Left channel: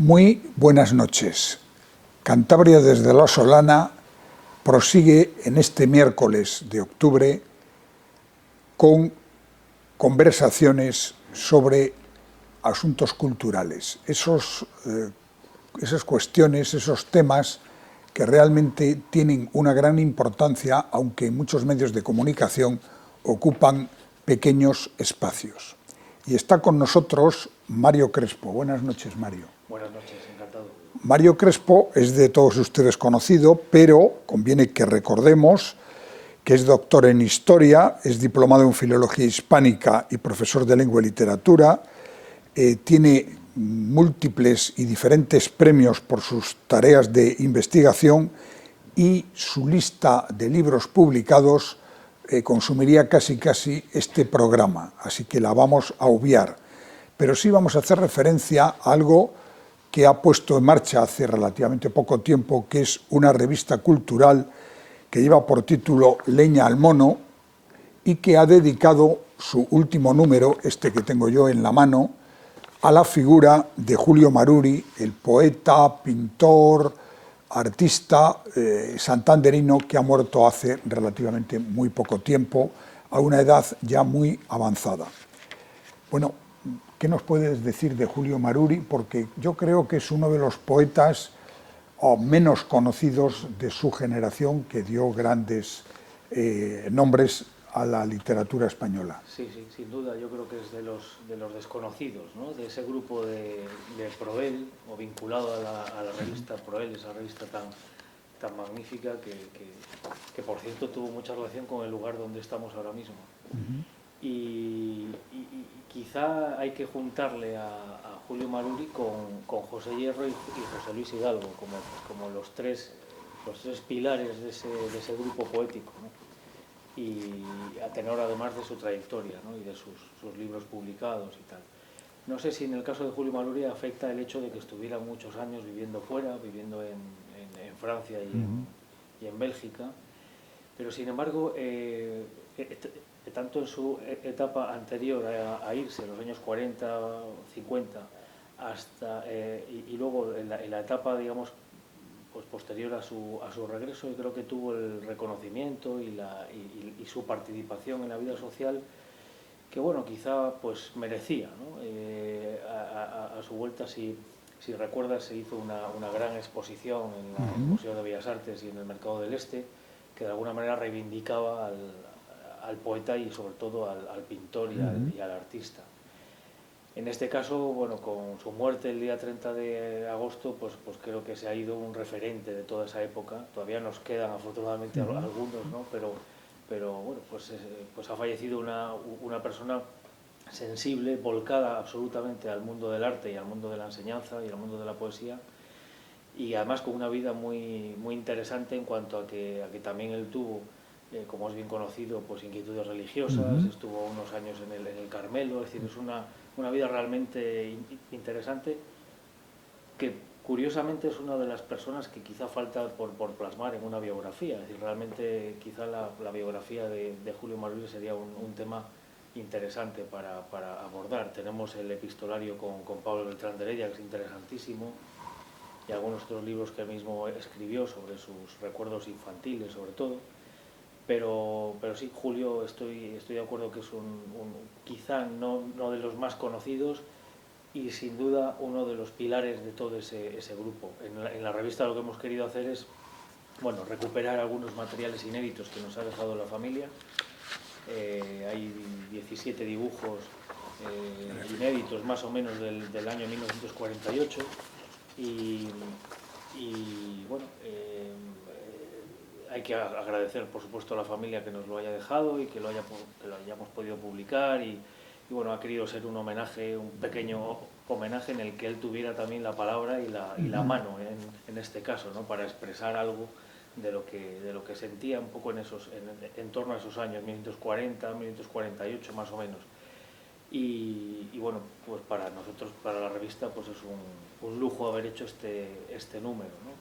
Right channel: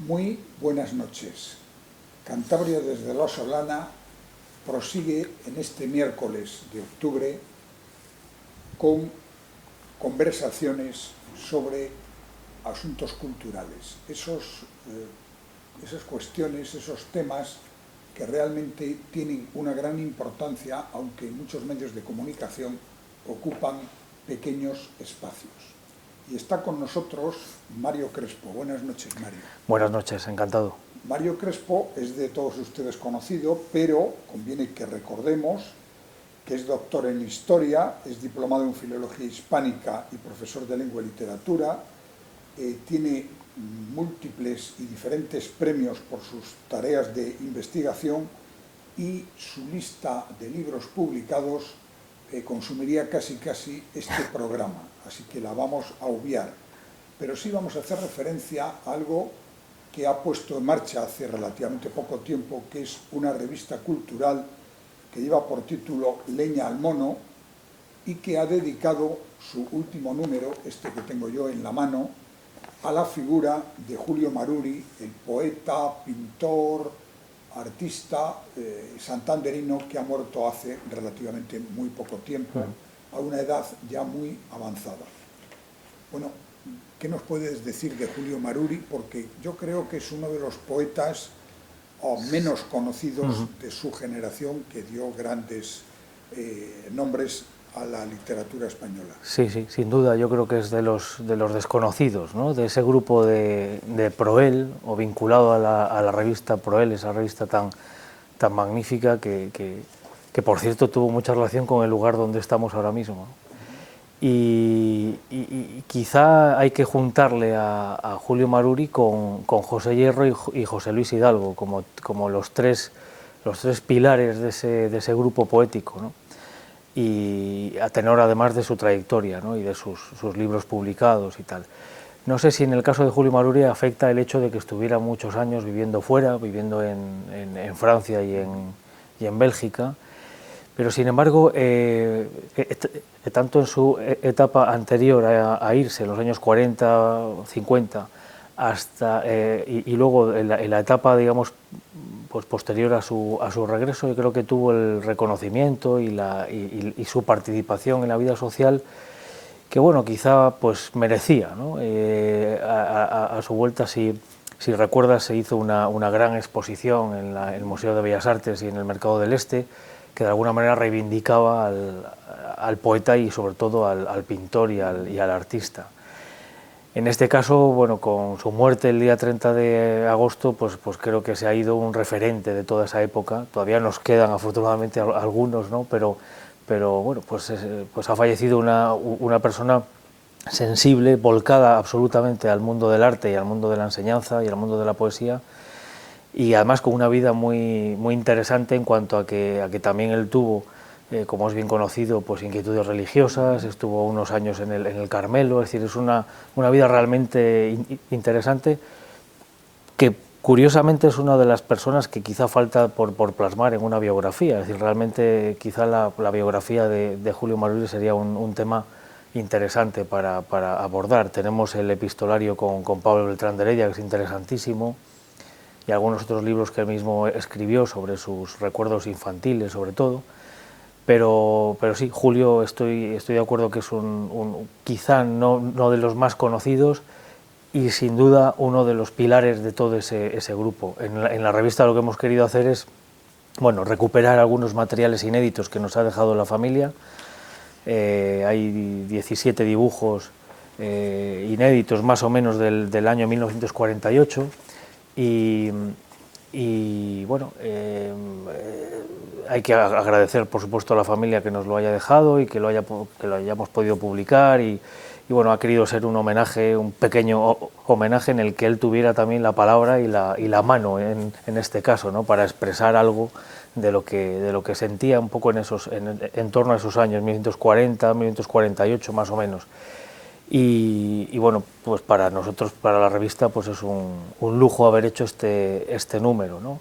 Muy buenas noches. Cantabria desde La Solana prosigue en este miércoles de octubre con conversaciones sobre asuntos culturales, esas cuestiones, esos temas que realmente tienen una gran importancia, aunque en muchos medios de comunicación ocupan pequeños espacios. Y está con nosotros Mario Crespo. Buenas noches, Mario. Buenas noches, encantado. Mario Crespo es de todos ustedes conocido, pero conviene que recordemos que es doctor en Historia, es diplomado en Filología Hispánica y profesor de Lengua y Literatura, tiene múltiples y diferentes premios por sus tareas de investigación y su lista de libros publicados consumiría casi este programa, así que la vamos a obviar. Pero sí vamos a hacer referencia a algo que ha puesto en marcha hace relativamente poco tiempo, que es una revista cultural que lleva por título Leña al mono y que ha dedicado su último número, este que tengo yo en la mano, a la figura de Julio Maruri, el poeta, pintor, artista santanderino que ha muerto hace relativamente muy poco tiempo, a una edad ya muy avanzada. Bueno, ¿qué nos puedes decir de Julio Maruri? Porque yo creo que es uno de los poetas menos conocidos de su generación, que dio grandes nombres a la literatura española. Sí, sin duda, yo creo que es de los desconocidos, ¿no? De ese grupo de Proel, o vinculado a la revista Proel, esa revista tan magnífica que, por cierto, tuvo mucha relación con el lugar donde estamos ahora mismo. Y quizá hay que juntarle a Julio Maruri con José Hierro y José Luis Hidalgo, como los tres pilares de ese grupo poético, ¿no? Y a tenor además de su trayectoria, ¿no? Y de sus libros publicados y tal. No sé si en el caso de Julio Maruri afecta el hecho de que estuviera muchos años viviendo fuera, viviendo en Francia y en Bélgica, pero sin embargo, tanto en su etapa anterior a irse, en los años 40, 50, hasta, y luego en la etapa, digamos, pues posterior a su regreso, yo creo que tuvo el reconocimiento y su participación en la vida social que, bueno, quizá pues merecía, ¿no? A su vuelta, si recuerdas, se hizo una gran exposición en el Museo de Bellas Artes y en el Mercado del Este, que de alguna manera reivindicaba al poeta y sobre todo al pintor y al artista. En este caso, bueno, con su muerte el día 30 de agosto, pues creo que se ha ido un referente de toda esa época. Todavía nos quedan afortunadamente algunos, ¿no? Pero bueno, pues ha fallecido una persona sensible, volcada absolutamente al mundo del arte y al mundo de la enseñanza y al mundo de la poesía, y además con una vida muy interesante en cuanto a que también él tuvo, como es bien conocido, pues inquietudes religiosas, estuvo unos años en el Carmelo, es decir, es una vida realmente interesante, que curiosamente es una de las personas que quizá falta por plasmar en una biografía. Es decir, realmente quizá la biografía de Julio Maruri sería un tema interesante para abordar. Tenemos el epistolario con Pablo Beltrán de Heredia, que es interesantísimo, y algunos otros libros que él mismo escribió sobre sus recuerdos infantiles, sobre todo. Pero sí, Julio, estoy de acuerdo que es quizá no de los más conocidos y sin duda uno de los pilares de todo ese grupo. En la revista lo que hemos querido hacer es, bueno, recuperar algunos materiales inéditos que nos ha dejado la familia. Hay 17 dibujos inéditos más o menos del año 1948 y bueno, hay que agradecer por supuesto a la familia que nos lo haya dejado y que lo hayamos podido publicar y bueno, ha querido ser un homenaje, un pequeño homenaje en el que él tuviera también la palabra y la mano en este caso, ¿no? Para expresar algo de lo que sentía un poco en torno a esos años, 1940, 1948 más o menos. Y bueno, pues para nosotros, para la revista, pues es un lujo haber hecho este número, ¿no?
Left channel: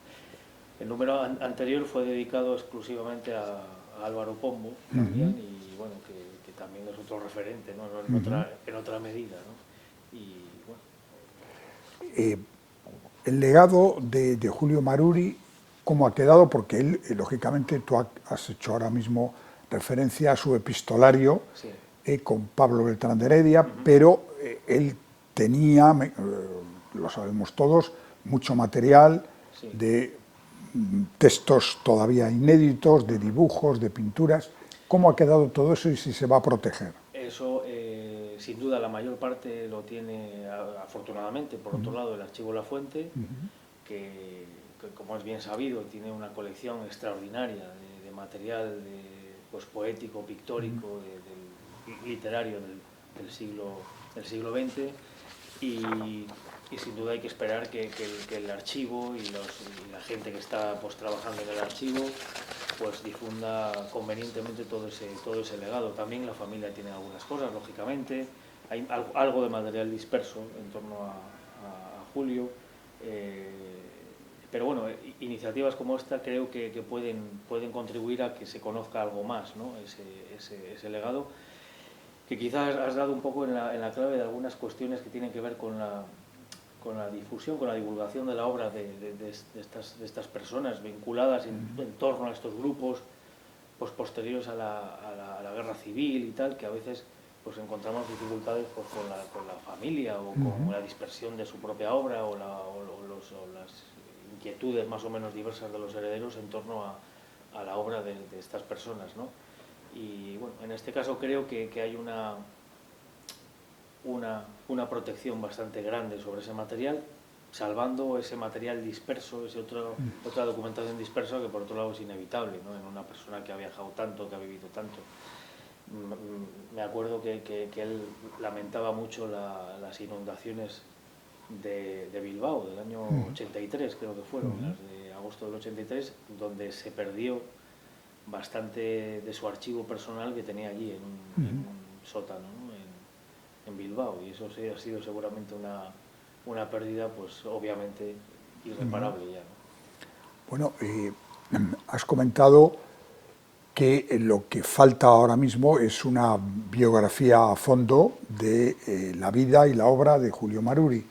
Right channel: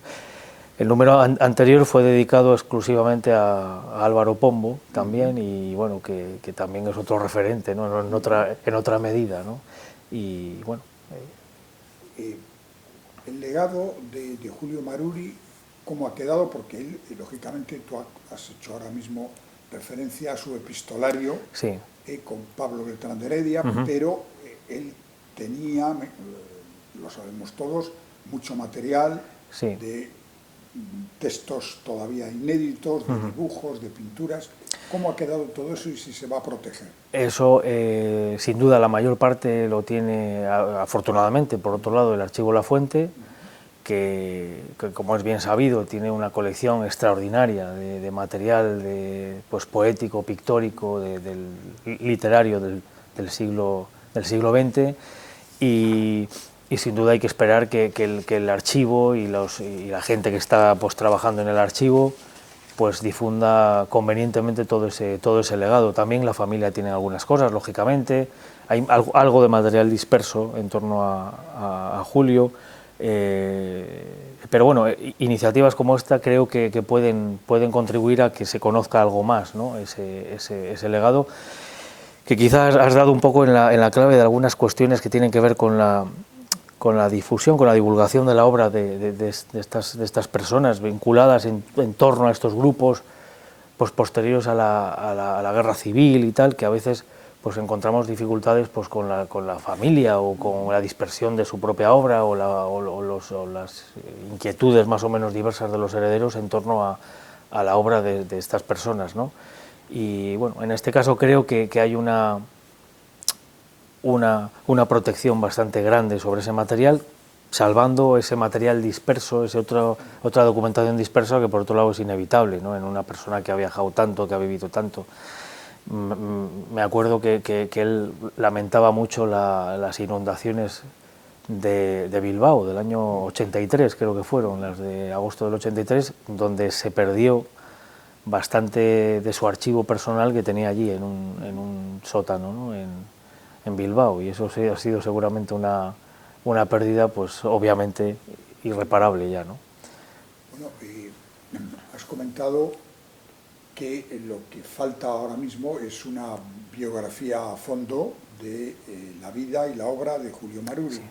El número anterior fue dedicado exclusivamente a Álvaro Pombo también, y bueno, que también es otro referente, ¿no? En otra medida, ¿no? Y bueno. el legado de Julio Maruri, ¿cómo ha quedado? Porque él, lógicamente, tú has hecho ahora mismo referencia a su epistolario Sí. Con Pablo Beltrán de Heredia, pero él tenía, lo sabemos todos, mucho material Sí. de textos todavía inéditos, de dibujos, de pinturas. ¿Cómo ha quedado todo eso y si se va a proteger? Eso, sin duda, la mayor parte lo tiene, afortunadamente, por otro lado, el Archivo La Fuente, que, como es bien sabido, tiene una colección extraordinaria de material pues, poético, pictórico, literario del siglo XX, y sin duda hay que esperar que el archivo y la gente que está pues, trabajando en el archivo pues difunda convenientemente todo ese legado. También la familia tiene algunas cosas, lógicamente, hay algo de material disperso en torno a Julio, pero bueno, iniciativas como esta creo que pueden contribuir a que se conozca algo más, ¿no? ese legado, que quizás has dado un poco en la clave de algunas cuestiones que tienen que ver con la difusión, con la divulgación de la obra de estas personas vinculadas en torno a estos grupos pues, posteriores a la guerra civil y tal, que a veces pues, encontramos dificultades pues, con la familia o con la dispersión de su propia obra o las inquietudes más o menos diversas de los herederos en torno a la obra de estas personas, ¿no? Y bueno, en este caso creo que hay una protección bastante grande sobre ese material, salvando ese material disperso, otra documentación dispersa que por otro lado es inevitable, ¿no? En una persona que ha viajado tanto, que ha vivido tanto. Me acuerdo que él lamentaba mucho las inundaciones de Bilbao del año 83, creo que fueron, las de agosto del 83, donde se perdió bastante de su archivo personal que tenía allí en un sótano, ¿no? en Bilbao, y eso sí ha sido seguramente una pérdida, pues obviamente irreparable ya, ¿no? Bueno, has comentado que lo que falta ahora mismo es una biografía a fondo de la vida y la obra de Julio Maruri. Sí.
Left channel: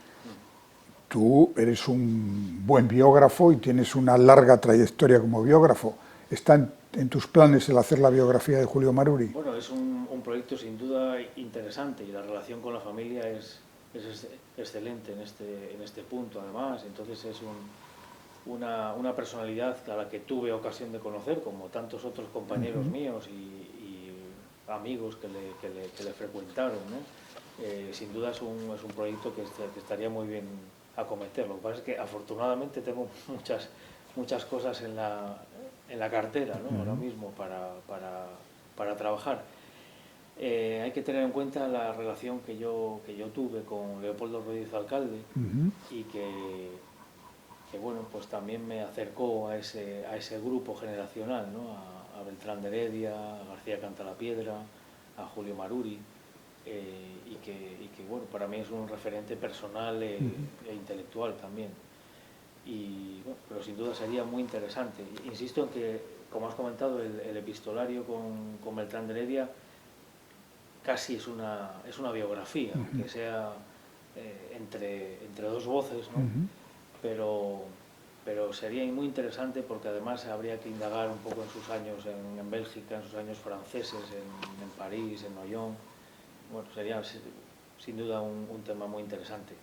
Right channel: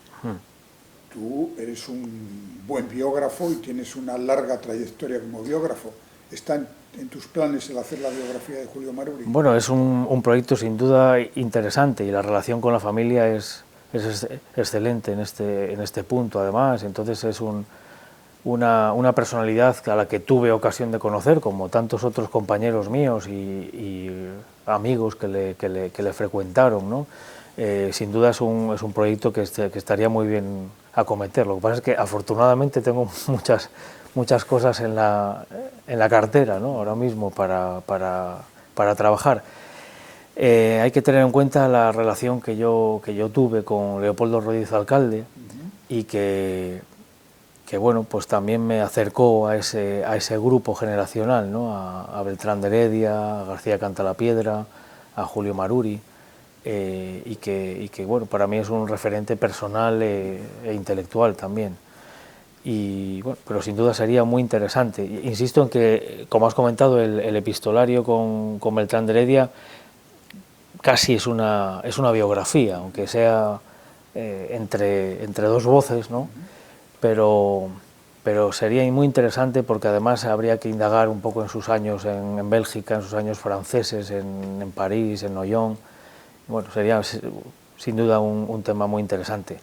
Tú eres un buen biógrafo y tienes una larga trayectoria como biógrafo. ¿Está en tus planes el hacer la biografía de Julio Maruri? Bueno, es un proyecto sin duda interesante y la relación con la familia es excelente en este punto, además. Entonces es una personalidad a la que tuve ocasión de conocer, como tantos otros compañeros míos y amigos que le frecuentaron, ¿no? Sin duda es un proyecto que estaría muy bien acometer. Lo que pasa es que afortunadamente tengo muchas cosas en la cartera, ¿no? Ahora mismo para trabajar. Hay que tener en cuenta la relación que yo tuve con Leopoldo Rodríguez Alcalde y que bueno, pues también me acercó a ese grupo generacional, ¿no? A Beltrán de Heredia, a García Cantalapiedra, a Julio Maruri, y que bueno, para mí es un referente personal e intelectual también. Y bueno, pero sin duda sería muy interesante. Insisto en que, como has comentado, el epistolario con Beltrán de Heredia casi es una biografía, aunque sea entre dos voces, ¿no? Pero sería muy interesante porque además habría que indagar un poco en sus años en Bélgica, en sus años franceses, en París, en Noyon. Bueno, sería sin duda un tema muy interesante.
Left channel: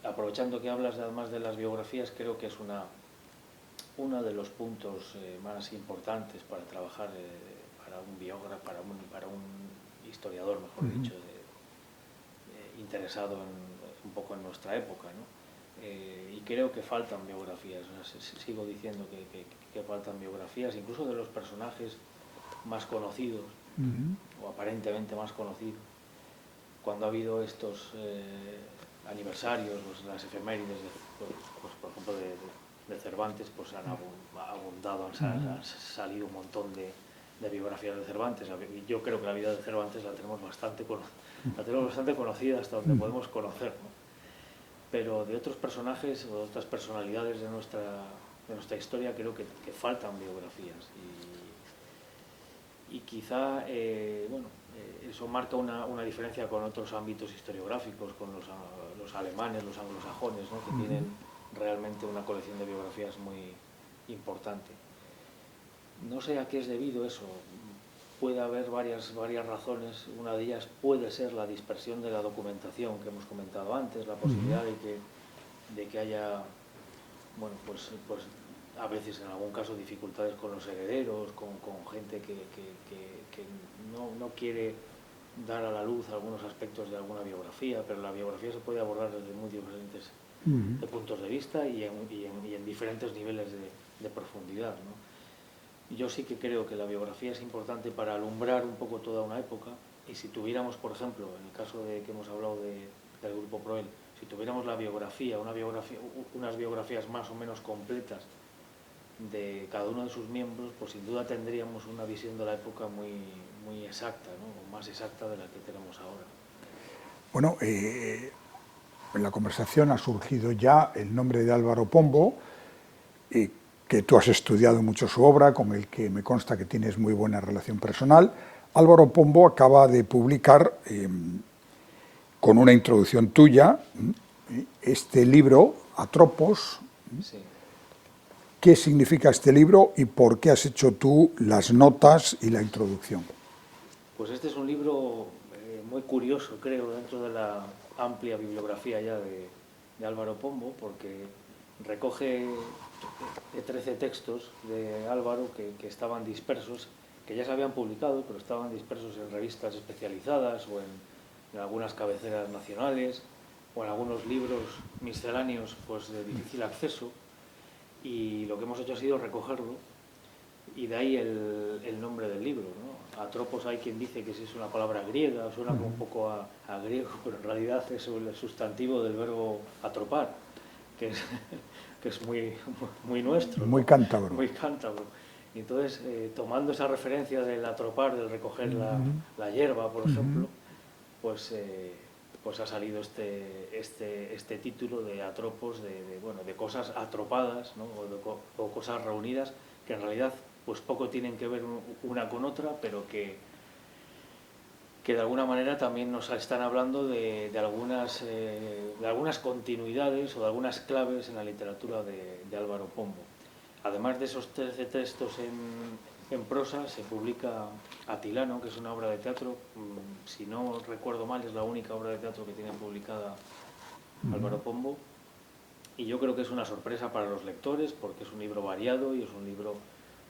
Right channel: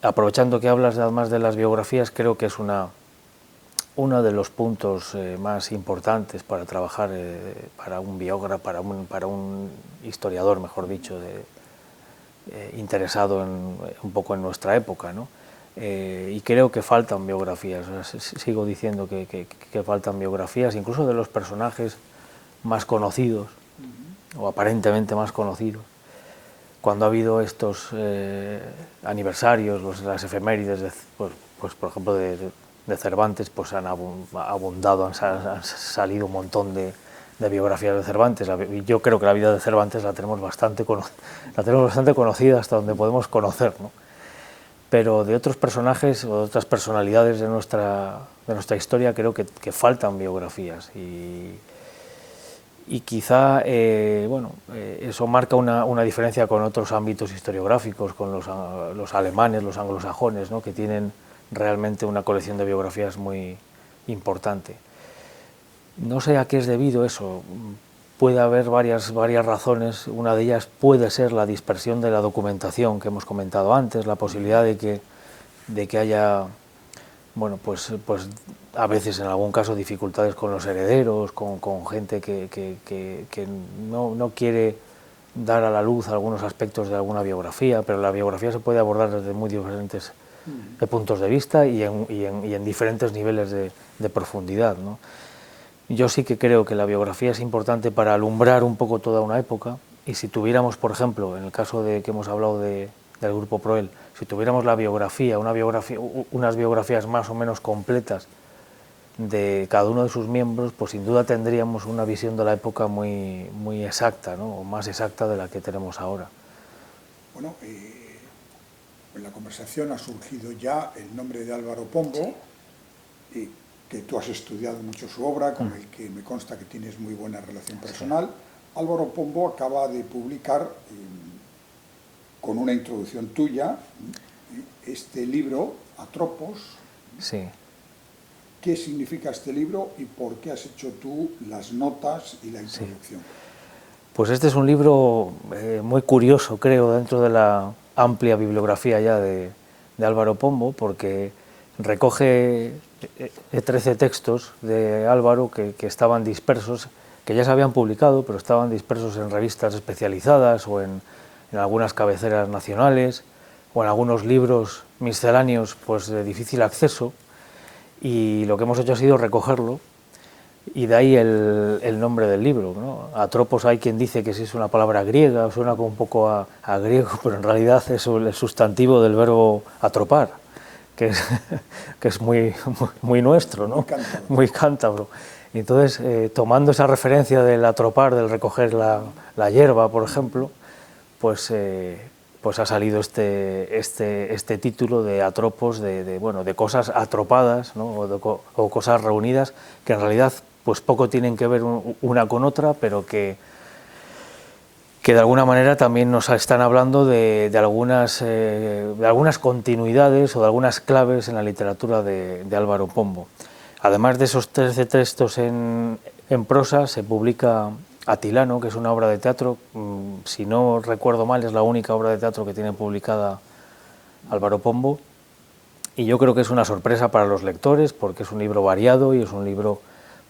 Aprovechando que hablas además de las biografías, creo que es uno de los puntos más importantes para trabajar para un biógrafo, para un historiador, mejor dicho, interesado un poco en nuestra época, ¿no? Y creo que faltan biografías, o sea, sigo diciendo que faltan biografías, incluso de los personajes más conocidos, o aparentemente más conocidos. Cuando ha habido estos aniversarios, las efemérides, pues por ejemplo de Cervantes, pues han abundado, han salido un montón de biografías de Cervantes. Yo creo que la vida de Cervantes la tenemos bastante conocida hasta donde podemos conocer, ¿no? Pero de otros personajes o de otras personalidades de nuestra historia creo que faltan biografías y quizá bueno, eso marca una diferencia con otros ámbitos historiográficos, con los alemanes, los anglosajones, ¿no? que tienen realmente una colección de biografías muy importante. No sé a qué es debido eso. Puede haber varias razones. Una de ellas puede ser la dispersión de la documentación que hemos comentado antes, la posibilidad de que haya, bueno, pues a veces en algún caso dificultades con los herederos, con gente que no quiere dar a la luz algunos aspectos de alguna biografía, pero la biografía se puede abordar desde muy diferentes puntos de vista y en diferentes niveles de profundidad, ¿no? Yo sí que creo que la biografía es importante para alumbrar un poco toda una época, y si tuviéramos, por ejemplo, en el caso de que hemos hablado del Grupo Proel, si tuviéramos unas biografías más o menos completas de cada uno de sus miembros, pues sin duda tendríamos una visión de la época muy exacta, ¿no? O más exacta de la que tenemos ahora. Bueno, en la conversación ha surgido ya el nombre de Álvaro Pombo, que tú has estudiado mucho su obra, con el que me consta que tienes muy buena relación personal. Álvaro Pombo acaba de publicar, con una introducción tuya, este libro, Atropos. Sí. ¿Qué significa este libro y por qué has hecho tú las notas y la introducción? Pues este es un libro muy curioso, creo, dentro de la amplia bibliografía ya de Álvaro Pombo, porque recoge 13 textos de Álvaro que estaban dispersos, que ya se habían publicado, pero estaban dispersos en revistas especializadas o en algunas cabeceras nacionales o en algunos libros misceláneos pues, de difícil acceso, y lo que hemos hecho ha sido recogerlo, y de ahí el nombre del libro, ¿no? Atropos, hay quien dice que sí es una palabra griega, suena como un poco a griego, pero en realidad es el sustantivo del verbo atropar, que es muy nuestro, ¿no? Muy cántabro. Muy cántabro. Y entonces, tomando esa referencia del atropar, del recoger la hierba, por ejemplo, pues ha salido este título de atropos, de cosas atropadas, ¿no? o cosas reunidas, que en realidad pues poco tienen que ver una con otra, pero que de alguna manera también nos están hablando de algunas continuidades o de algunas claves en la literatura de Álvaro Pombo. Además de esos 13 textos en prosa, se publica Atilano, que es una obra de teatro, si no recuerdo mal, es la única obra de teatro que tiene publicada Álvaro Pombo, y yo creo que es una sorpresa para los lectores, porque es un libro variado y es un libro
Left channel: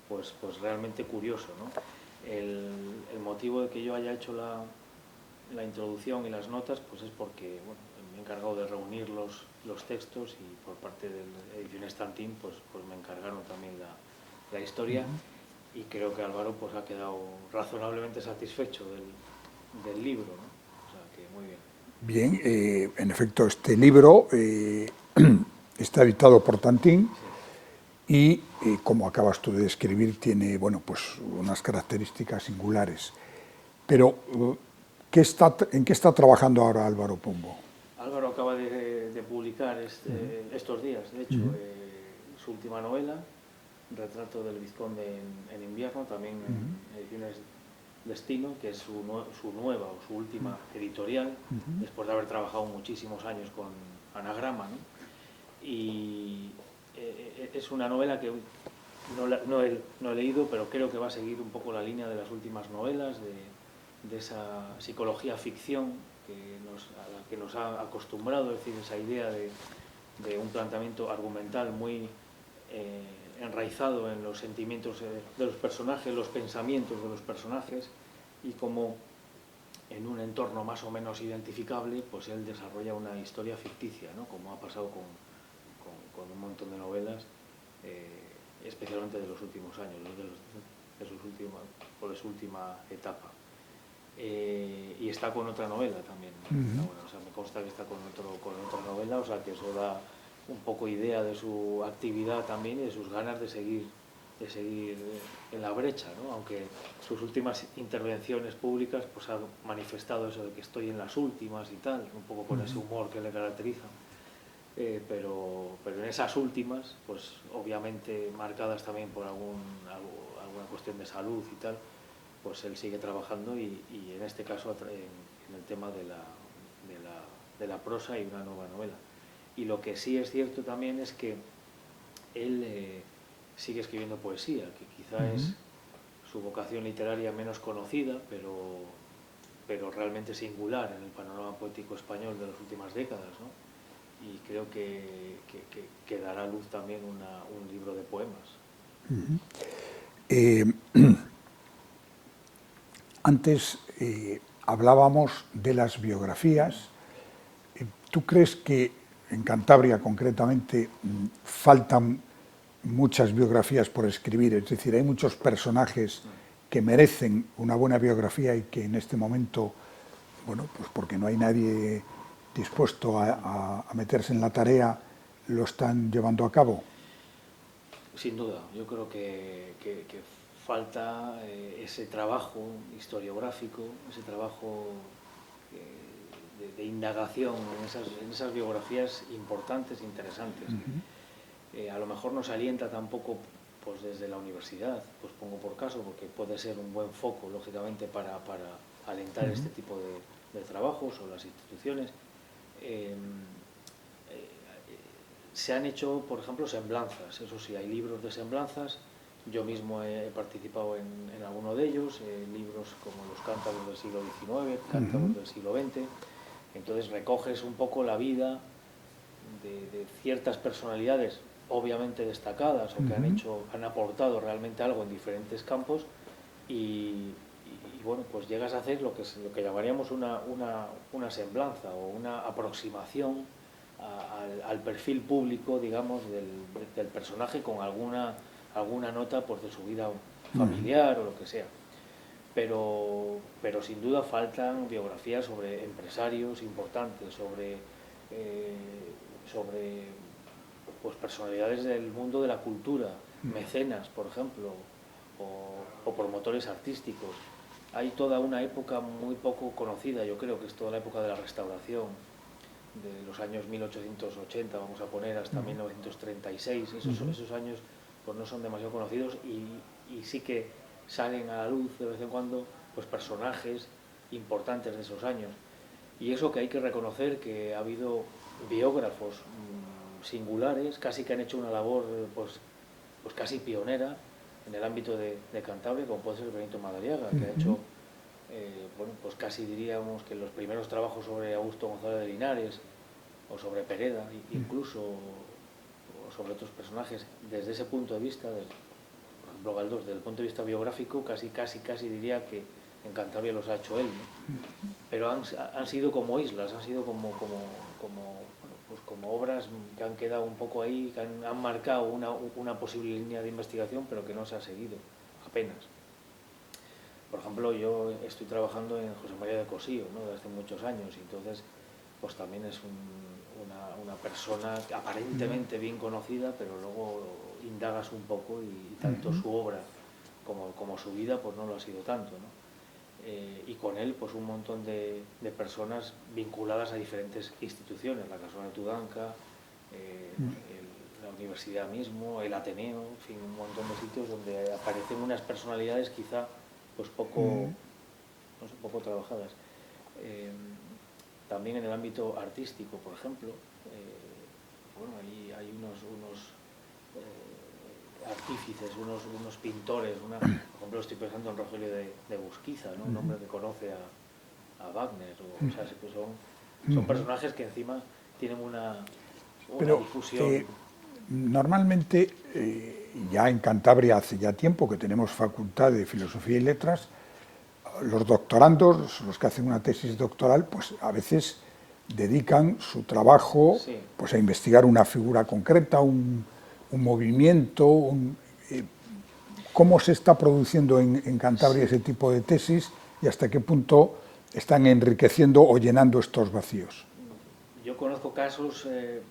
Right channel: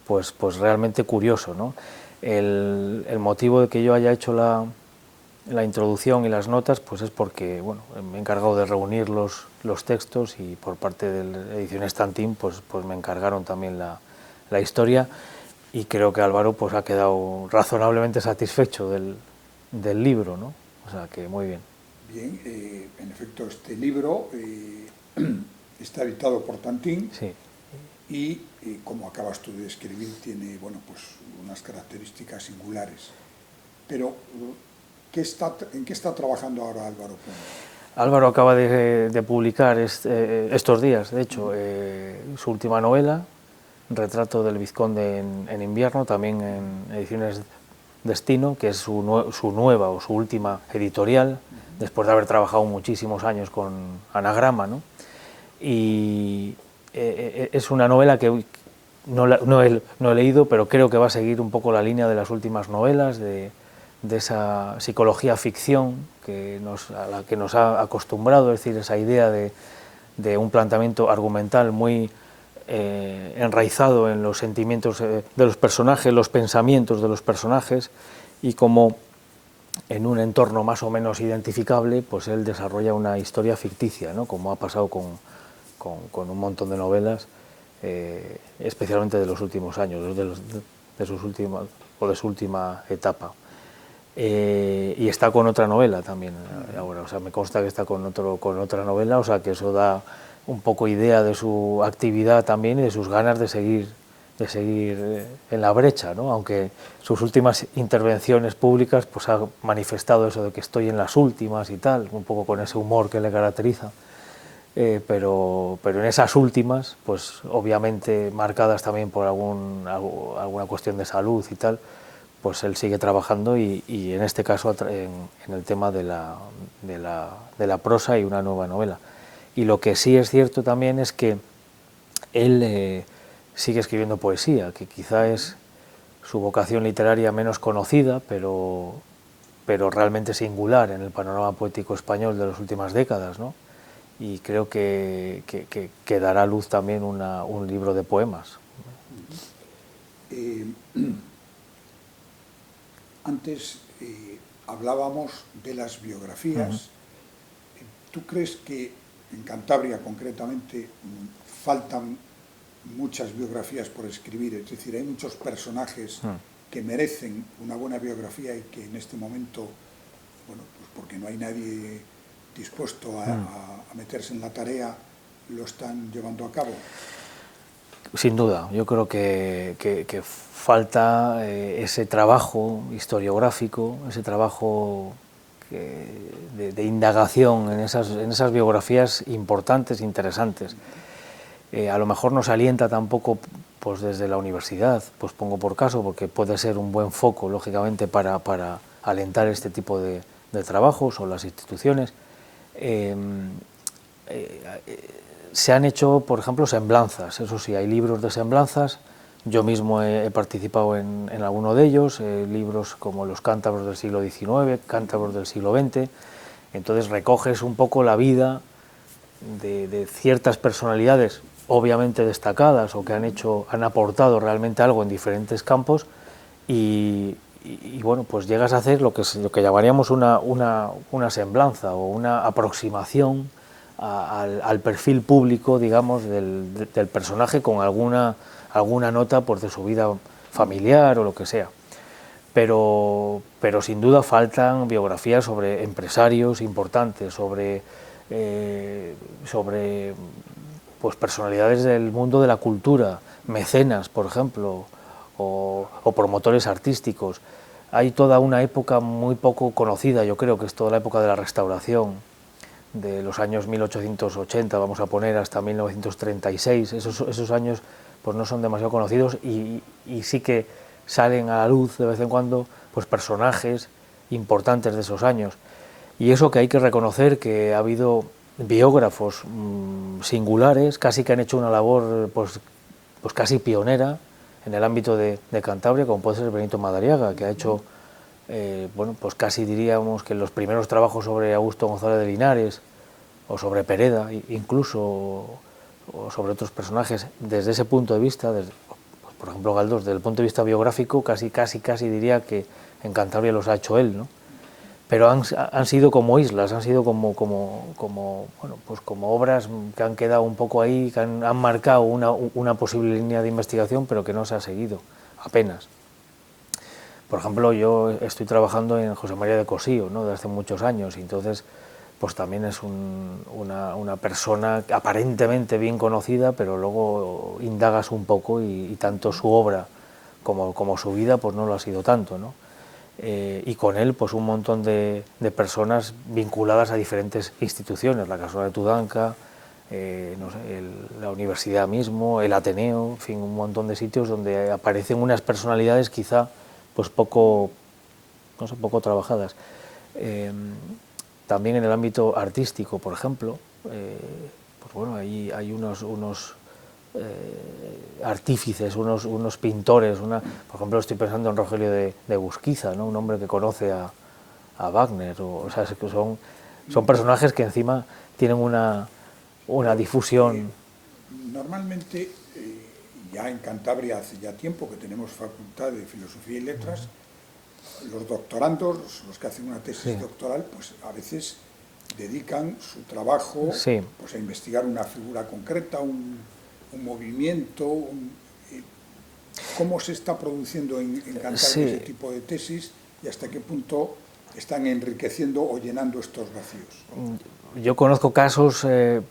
pues realmente curioso, ¿no? El motivo de que yo haya hecho la introducción y las notas pues es porque bueno, me he encargado de reunir los textos, y por parte de la edición Estantín pues me encargaron también la historia, y creo que Álvaro pues ha quedado razonablemente satisfecho del libro, ¿no? O sea que muy bien. Bien, en efecto, este libro está editado por Tantín. Sí. Y, como acabas tú de describir, tiene bueno, pues unas características singulares. Pero, ¿en qué está trabajando ahora Álvaro Pombo? Álvaro acaba de publicar estos días, de hecho, su última novela, Retrato del Vizconde en invierno, también en ediciones Destino, que es su nueva o su última editorial, después de haber trabajado muchísimos años con Anagrama, ¿no? Y es una novela que no he leído, pero creo que va a seguir un poco la línea de las últimas novelas, de esa psicología ficción a la que nos ha acostumbrado, es decir, esa idea de un planteamiento argumental muy enraizado en los sentimientos de los personajes, los pensamientos de los personajes, y como en un entorno más o menos identificable, pues él desarrolla una historia ficticia, ¿no? Como ha pasado con un montón de novelas, especialmente de los últimos años, de su última etapa. Y está con otra novela también ahora, o sea, me consta que está con otra novela, o sea, que eso da un poco idea de su actividad también y de sus ganas de seguir en la brecha, ¿no? Aunque sus últimas intervenciones públicas pues ha manifestado eso de que estoy en las últimas y tal, un poco con ese humor que le caracteriza, pero en esas últimas, pues obviamente marcadas también por alguna cuestión de salud y tal, pues él sigue trabajando, y en este caso en el tema de la prosa y una nueva novela. Y lo que sí es cierto también es que él sigue escribiendo poesía, que quizá es su vocación literaria menos conocida, pero realmente singular en el panorama poético español de las últimas décadas, ¿no? Y creo que dará a luz también un libro de poemas. Antes hablábamos de las biografías. ¿Tú crees que en Cantabria concretamente faltan muchas biografías por escribir? Es decir, hay muchos personajes que merecen una buena biografía y que en este momento, bueno, pues porque no hay nadie dispuesto a meterse en la tarea, lo están llevando a cabo. Sin duda, yo creo que falta ese trabajo historiográfico, ese trabajo de indagación en esas biografías importantes, interesantes. A lo mejor no se alienta tampoco pues desde la universidad, pues pongo por caso, porque puede ser un buen foco, lógicamente, para alentar este tipo de trabajos o las instituciones. Se han hecho, por ejemplo, semblanzas, eso sí, hay libros de semblanzas, yo mismo he participado en alguno de ellos, libros como Los cántabros del siglo XIX, Cántabros del siglo XX, entonces recoges un poco la vida de ciertas personalidades, obviamente destacadas o que han aportado realmente algo en diferentes campos y bueno, pues llegas a hacer lo que llamaríamos una semblanza o una aproximación al perfil público, digamos, del personaje con alguna nota pues, de su vida familiar o lo que sea. Pero sin duda faltan biografías sobre empresarios importantes, sobre pues, personalidades del mundo de la cultura, mecenas, por ejemplo, o promotores artísticos. Hay toda una época muy poco conocida, yo creo que es toda la época de la Restauración, de los años 1880, vamos a poner, hasta 1936, esos años pues no son demasiado conocidos y sí que salen a la luz de vez en cuando pues personajes importantes de esos años. Y eso que hay que reconocer que ha habido biógrafos singulares, casi que han hecho una labor pues casi pionera en el ámbito de Cantabria, como puede ser Benito Madariaga, que ha hecho bueno, pues casi diríamos que los primeros trabajos sobre Augusto González de Linares o sobre Pereda, incluso, o sobre otros personajes, desde ese punto de vista, por ejemplo Galdós, desde el punto de vista biográfico, casi diría que en Cantabria los ha hecho él, ¿no? Pero han sido como islas, han sido como bueno, pues como obras que han quedado un poco ahí, que han marcado una posible línea de investigación, pero que no se ha seguido, apenas. Por ejemplo, yo estoy trabajando en José María de Cosío, ¿no?, desde hace muchos años, y entonces pues también es una persona aparentemente bien conocida, pero luego indagas un poco y tanto su obra como su vida pues no lo ha sido tanto, ¿no? Y con él pues un montón de personas vinculadas a diferentes instituciones, la Casona de Tudanca, no sé, la universidad mismo, el Ateneo, en fin, un montón de sitios donde aparecen unas personalidades quizá pues poco, no sé, poco trabajadas. También en el ámbito artístico, por ejemplo, pues bueno, hay unos artífices, unos pintores, por ejemplo estoy pensando en Rogelio de Busquiza, ¿no?, un hombre que conoce a Wagner, o sea, que son personajes que encima tienen una difusión. Normalmente, ya en Cantabria hace ya tiempo que tenemos facultad de Filosofía y Letras, los doctorandos, los que hacen una tesis doctoral, pues a veces dedican su trabajo pues a investigar una figura concreta, un movimiento. ¿Cómo se está produciendo en Cantabria ese tipo de tesis y hasta qué punto están enriqueciendo o llenando estos vacíos? Yo conozco casos,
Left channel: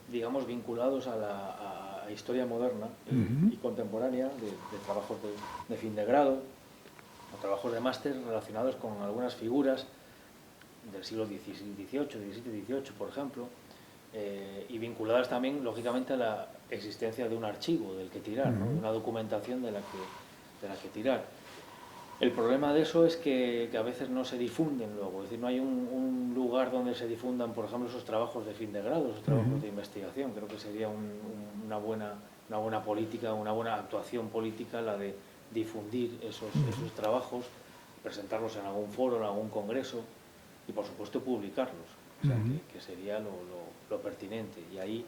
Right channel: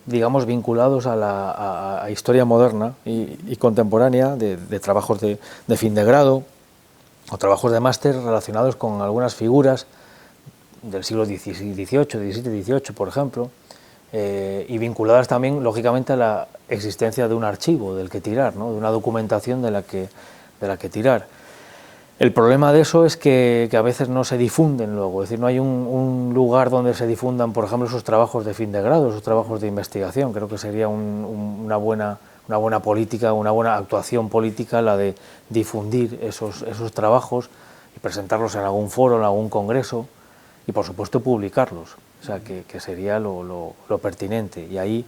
digamos, vinculados a la historia moderna y contemporánea, de trabajos de fin de grado o trabajos de máster relacionados con algunas figuras del siglo XVIII, XVII, XVIII, por ejemplo, y vinculadas también, lógicamente, a la existencia de un archivo del que tirar, ¿no?, de una documentación de la que tirar. El problema de eso es que a veces no se difunden luego, es decir, no hay un lugar donde se difundan, por ejemplo, esos trabajos de fin de grado, esos trabajos de investigación. Creo que sería una buena política, una buena actuación política la de difundir esos trabajos y presentarlos en algún foro, en algún congreso y, por supuesto, publicarlos. O sea, que sería lo pertinente. Y ahí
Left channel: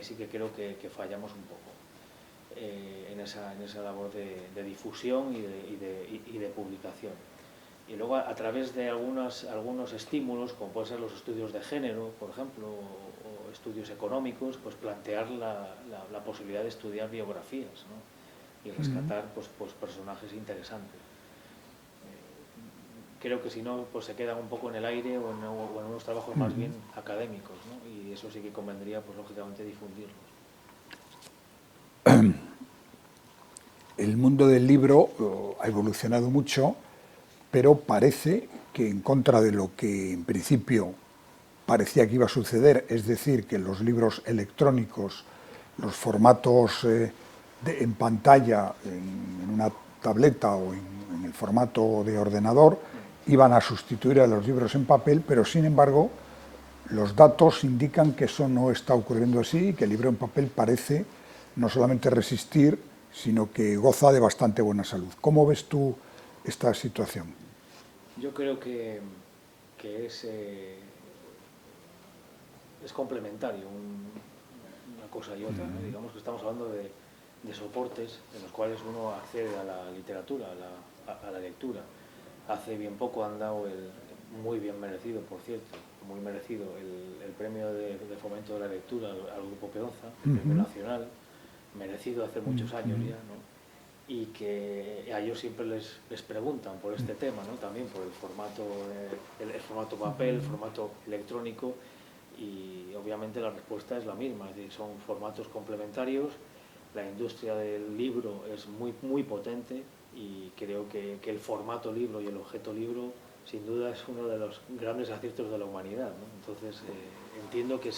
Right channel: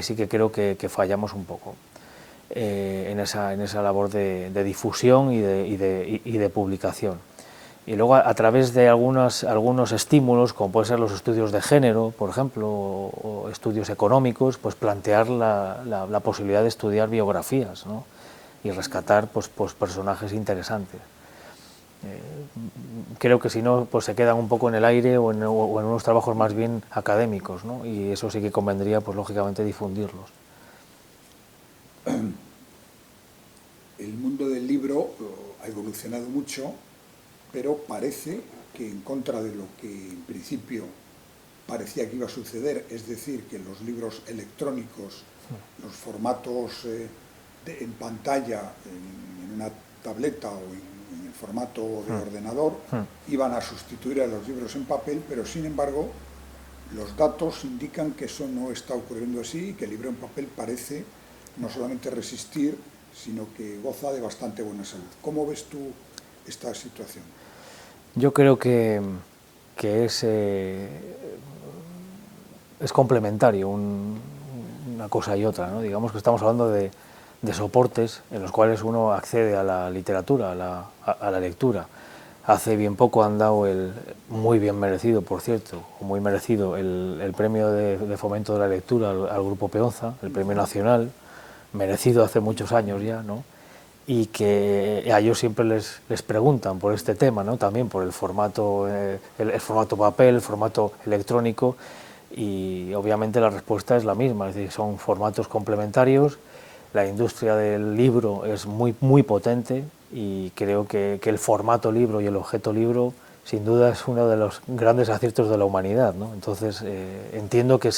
sí que creo que fallamos un poco. En esa labor de difusión y de publicación. Y luego a través de algunos estímulos, como pueden ser los estudios de género, por ejemplo, o estudios económicos, pues plantear la posibilidad de estudiar biografías, ¿no? Y rescatar pues personajes interesantes. Creo que si no, pues se quedan un poco en el aire o en unos trabajos más bien académicos, ¿no? Y eso sí que convendría, pues lógicamente, difundirlos. El mundo del libro ha evolucionado mucho, pero parece que en contra de lo que en principio parecía que iba a suceder, es decir, que los libros electrónicos, los formatos en pantalla, en una tableta o en el formato de ordenador, iban a sustituir a los libros en papel, pero sin embargo los datos indican que eso no está ocurriendo así y que el libro en papel parece no solamente resistir, sino que goza de bastante buena salud. ¿Cómo ves tú esta situación? Yo creo que es complementario una cosa y otra, ¿no? Digamos que estamos hablando de soportes en los cuales uno accede a la literatura, a la lectura. Hace bien poco han dado muy bien merecido, por cierto, muy merecido, el premio de fomento de la lectura al Grupo Peonza, el premio nacional, merecido hace muchos años ya, ¿no? Y que a ellos siempre les preguntan por este tema, ¿no? También por el formato papel, el formato electrónico, y obviamente la respuesta es la misma, es decir, son formatos complementarios. La industria del libro es muy potente y creo que el formato libro y el objeto libro sin duda es uno de los grandes aciertos de la humanidad, ¿no? Entonces entiendo que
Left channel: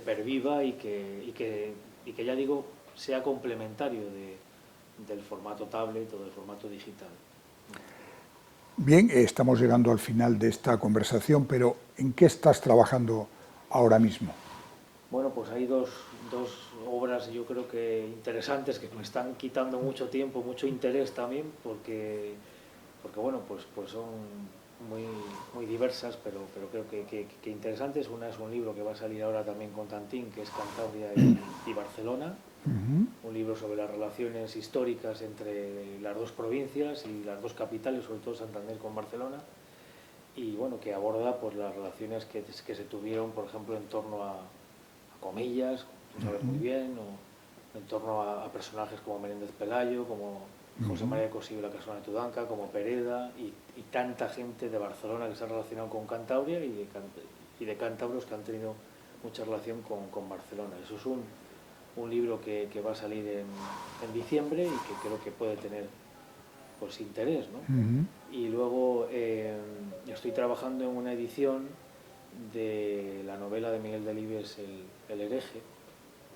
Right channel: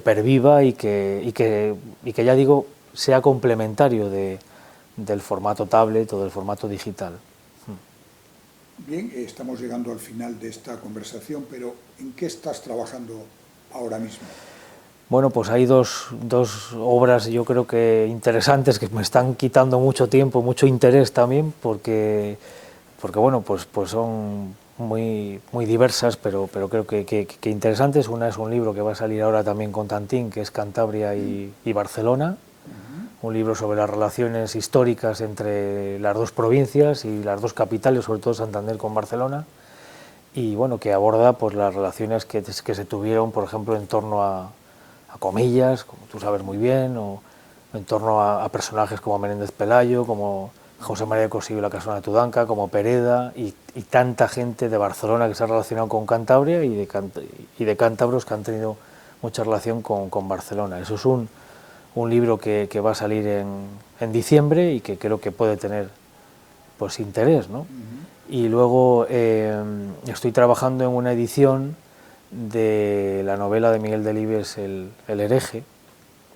perviva y que ya digo, sea complementario del formato tablet o del formato digital. Bien, estamos llegando al final de esta conversación, pero ¿en qué estás trabajando ahora mismo? Bueno, pues hay dos obras, yo creo que interesantes, que me están quitando mucho tiempo, mucho interés también, porque bueno, pues son muy diversas, pero creo que interesantes. Una es un libro que va a salir ahora también con Tantín, que es Cantabria y Barcelona, un libro sobre las relaciones históricas entre las dos provincias y las dos capitales, sobre todo Santander con Barcelona, y bueno, que aborda pues las relaciones que se tuvieron, por ejemplo, en torno a Comillas, como tú sabes muy bien, o en torno a personajes como Menéndez Pelayo, como José María Cosío y la Casona de Tudanca, como Pereda, y tanta gente de Barcelona que se ha relacionado con Cantabria y de cántabros que han tenido mucha relación con Barcelona. Eso es un libro que va a salir en diciembre y que creo que puede tener pues interés, ¿no? Y luego estoy trabajando en una edición de la novela de Miguel Delibes, El hereje,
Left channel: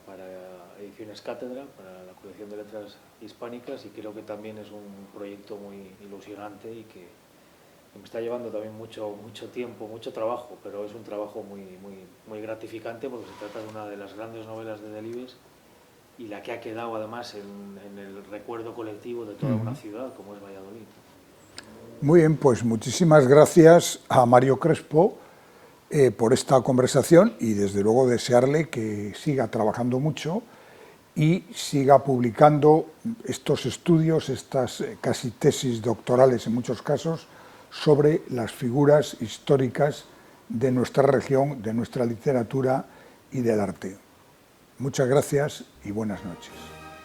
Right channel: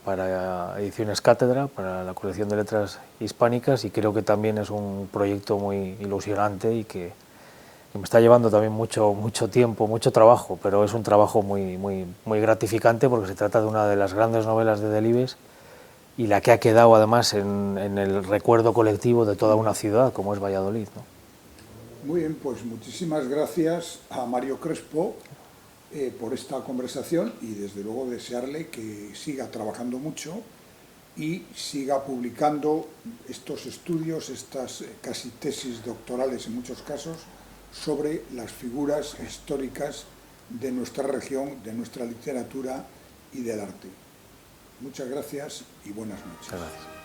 para Ediciones Cátedra, para la colección de letras hispánicas, y creo que también es un proyecto muy ilusionante y que me está llevando también mucho tiempo, mucho trabajo, pero es un trabajo muy gratificante porque se trata de una de las grandes novelas de Delibes y la que ha quedado además en el recuerdo colectivo de toda una ciudad como es Valladolid, ¿no? Muy bien, pues muchísimas gracias a Mario Crespo por esta conversación y desde luego desearle que siga trabajando mucho y siga publicando estos estudios, estas casi tesis doctorales en muchos casos, sobre las figuras históricas de nuestra región, de nuestra literatura y del arte. Muchas gracias y buenas noches. Gracias.